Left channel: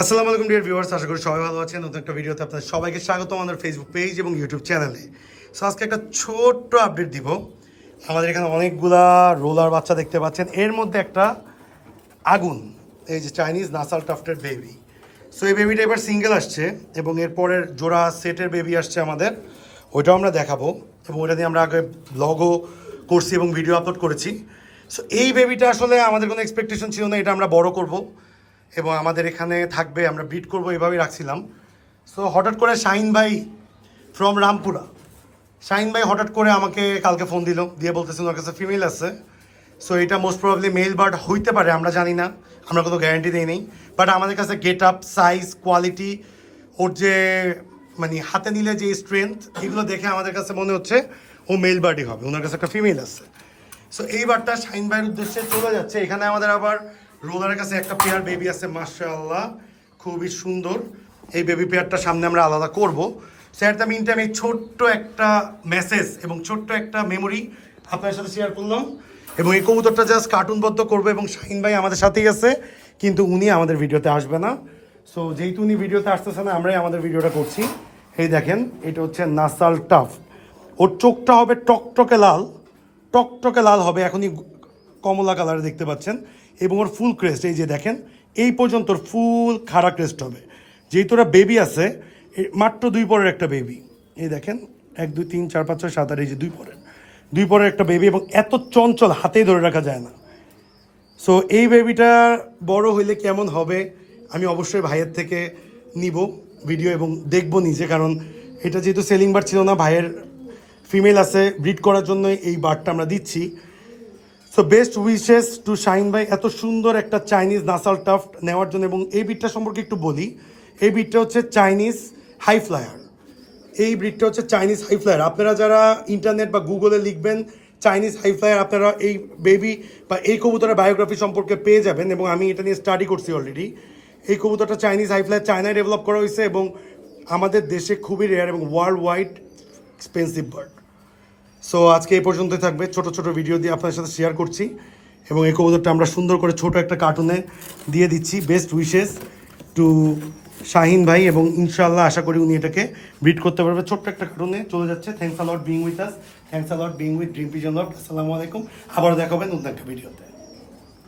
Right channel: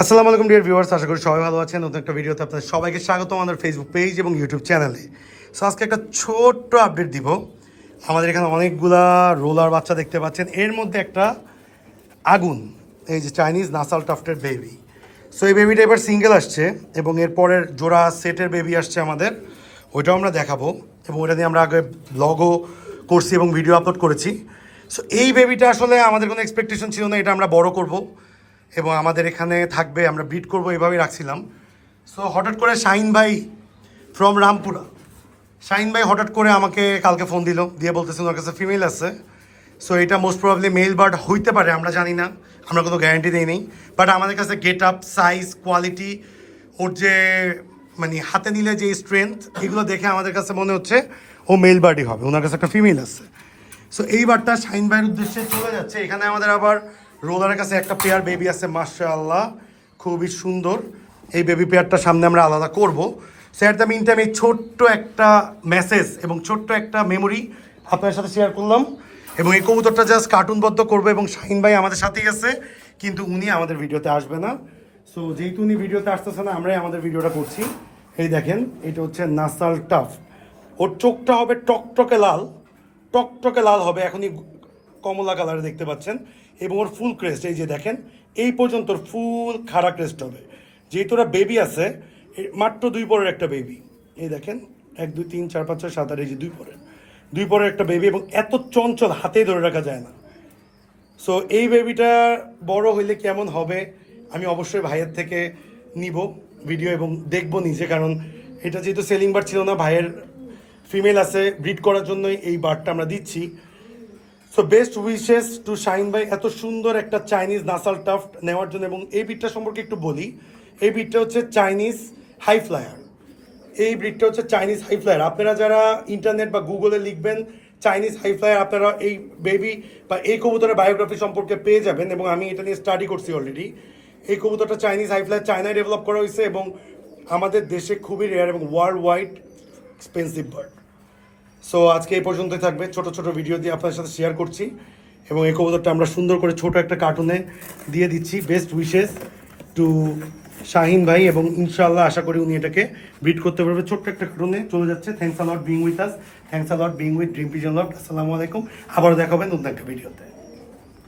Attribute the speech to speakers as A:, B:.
A: আসসালামু আলাইকুম dear viewers আশা করি সবাই ভালো আছেন। নতুন একটা ভিডিওতে আপনাদের সবাইকে স্বাগত আমাদের ফেসবুক পেজ এবং ইউটিউব চ্যানেলে সো আজকে একটা ছোট্ট আপডেট দিব। আমাদের এখানে অনেকগুলা রোলার বাচ্চা দেখতে পাচ্ছেন। এর মধ্যে একটা আগুন, এই যে চাইনিজ নাসাল টাফটের বেবি সো এই বেবিটা এবার সিঙ্গেল আসছে এবং এর পরের জোড়া সেটের বেবি আসছে আমাদের। ওইটাও আমরা দেখাবো এবং ওইটা দিয়ে আমরা আগে ব্লগও করছি এবং ভিডিও আপলোড করেছি। সো এই বেবিটা আসলে আমাদের কোনো এক্সপেকটেশন ছিল না, এটা আমরা বড় করব। এবং আমাদের এখানে থাকবে, আমরা ব্রিড করব, এভাবেই রাখছিলাম। সো হঠাৎ করে শাহিন ভাই ফ্রম রামপুরা। শাহিন ভাই হঠাৎ করে আমাকে কালকে ফোন দিল, দিয়ে বলতেছে ওনার কাছে ফিমেল আছে। সো এটা মোস্ট প্রবাবলি মেল বার্ড হইতে পারে, আমরা জানি না। আমরা কোনো গ্যারান্টি দিই নেই। বাট আমাদের কাছে গেট আপ সাইজ কোয়ালিটি ওর যে মানে হাতে নিলে যে স্ট্রেংথ এগুলো দেখে আমাদের কাছে মনে হচ্ছে ও মেল বার্ডই হবে, ওনার কাছে একটা ফিমেল আছে। সো এই বারটা শাইন ভাইয়ের উদ্দেশ্যে চলে যাচ্ছে। এখানে আমাদের আবার রোলারের কাছে একটা পেয়ার বেবি আছে, মাশাআল্লাহ। খুবই সুন্দর। এই বেবি পেয়ারটা সামনে আমরা আলাদা করব। স্যার দ্য মিন টাইম এই ছোট্ট একটা মেসেজ এবং ছোট্ট একটা মেমোরি আপনার সাথে শেয়ার করলাম এবং এই কবুতরটা জাস্ট কার্টুনবদ্ধ করব এবং শাহিন ভাই আমাদের সাথেই আছে, কিন্তু উনি আমাদের ভিডিওতে আসবে না। সো যেহেতু উনি ভিডিওতে আসতেছে না, আমরাই আমাদের ভিডিওটা করছি। এই দেখেন, এটা হচ্ছে নাসাল টাফ। ওর চোখটা হবে টকটকে লাল টকটকে লাল হবে, এখনই কমলা কালারে দেখতে পাচ্ছেন। এবং ওর ফুল ক্রেস্ট, এই যে দেখেন, এই পর্যন্ত ফুল খাড়া ক্রেস্ট হবে। যেহেতু ওরা বেবি আছে মাত্র দুই পরের একটা বেবি এই দেখেন, এক, দুই, তিন, চার, পাঁচ, ছয়, সাত, আট, এই যে দুই পরের। দুই পরের একটা বেবি এবং এত চঞ্চল হাতেই ধরে রাখা যায় না। সো এই বেবিটা বড় হইলে কেমন হবে, আমি অবশ্যই ভাইয়ের থেকে নিব ভিডিও এবং দেখব নিজে, কারণ এটা যেহেতু সেলিং বার ছিল না, ভাইয়ের ফিমেল আছে ব্রিড করার জন্য এই বারটা আমরা দিচ্ছি। So best wishes to shine ভাই। এত সুন্দর একটা চাইনিজ নাসাল টাফট নেওয়ার জন্য এবং এই বিটটা সম্পর্কে একটু বলি। এই বিটটা হচ্ছে চাইনিজ হাই ফ্লায়ার এই ব্রিডটা হচ্ছে চাইনিজ হাই ফ্লায়ার আপনারা যারা ইন্টারনেট বা গুগলে লিখবেন চাইনিজ হাই ফ্লায়ার আপনারা এই বেবি বা এই কবুতরের বায়োগ্রাফি সম্পর্কে পেয়ে যাবেন এবং আমি এটা নিয়ে স্টাডি করছি অলরেডি এই কবুতরটা চাইনিজ হাই ফ্লায়ার চায়নায় ডেভেলপ করা হয়েছে এবং আমাদের দেশে খুবই রেয়ার এবং world wide expensive bird so আজকে এই পর্যন্ত থাকবে। ছোট ছোট ভিডিও দিয়ে আপনাদের সাথে শেয়ার করছি এবং এই কবুতরটা আমরা সুন্দর করে ছোট একটা কার্টুনে দিয়ে দিচ্ছি। বেস্ট উইশেস টু শাহিন ভাই এবং ইনশাআল্লাহ আশা করি উনি এটাকে ব্রিড করতে পারবে। ছোট্ট একটা কারণে চলে যাচ্ছে। Thanks a lot being with us thanks a lot being with dream pigeon loft আসসালামু আলাইকুম। আবার দেখাবেন নতুন একটা ভিডিওতে